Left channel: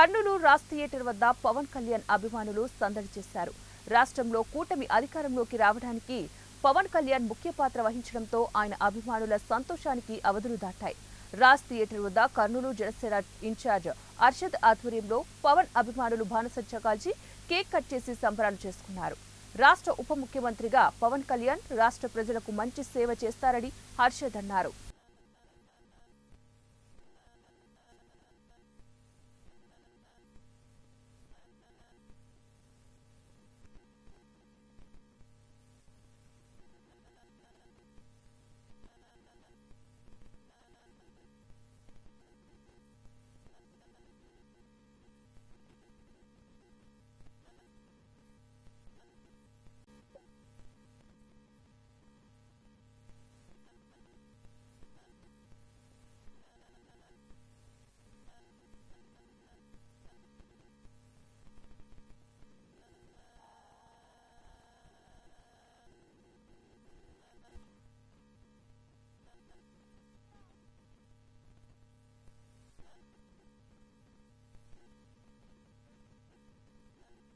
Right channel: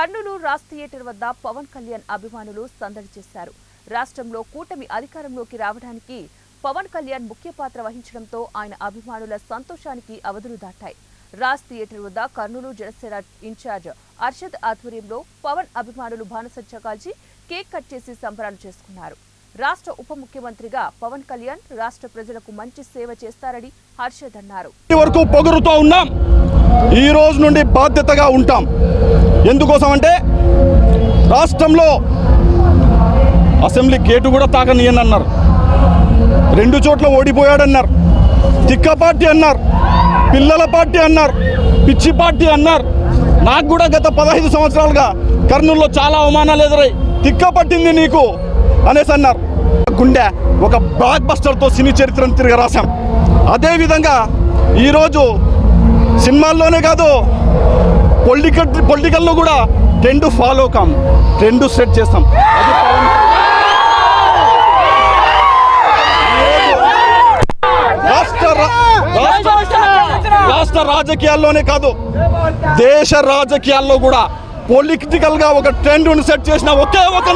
Kurnool Raj theatre వద్ద పవన్ కళ్యాణ్ అభిమానులు సందడి చేశారు. రాష్ట్రంలో కూటమి అధికారంలోకి రావడానికి పవన్ కళ్యాణ్ ముఖ్య పాత్ర వహించడంతో ఆయన అభిమానుల సంతోషానికి అవధులు దాటాయి. రాజ్ థియేటర్ వద్ద కర్నూలు జనసేన ఇన్ఛార్జ్ అర్షద్ ఆధ్వర్యంలో పవన్ అభిమానులు బాణసంచా కాల్చి కేక్ కట్ చేసి సంబరాలు చేసుకున్నారు. రాష్ట్ర ఉప ముఖ్యమంత్రిగా పవన్ కళ్యాణ్ రాష్ట్ర ప్రజలకు మంచి సేవ చేస్తారని హర్షద్ అన్నారు. ఈ రోజు నుండి బాధ్యతగా ఉంటాం. ఎందుకోసం అంటే రాష్ట్రంలో అసెంబ్లీ గేటు కూడా తాకనియనన్నారు, 2 చోట్ల ఓడిపోయాడన్నారు, తిక్క పార్టీ అన్నారు, పిల్లల పార్టీ అన్నారు, పిచ్చి పార్టీ అన్నారు. నాకు కూడా గత 15 సంవత్సరాలుగా కర్నూలులో చాలా అవమానాలు ఎదురై తిక్క పట్టింది నీకు అనేసి అన్నారు. గుండె ఒక బ్లాక్ బస్టర్తో సినీ చరిత్రను తిరిగి రాశాం. అదేవిధంగా ఈరోజు సినిమాల్లోనే కాదు పొలిటికల్లో కూడా ట్రెండ్ ఫాలో కాం, ట్రెండ్ సెట్ చేస్తాం. రాష్ట్ర రాజకీయాల్లోనే కాదు దేశ రాజకీయాల్లో కూడా పొలిటికల్ గా ఒక ట్రెండ్ సెట్ చేసిన ఒకే ఒక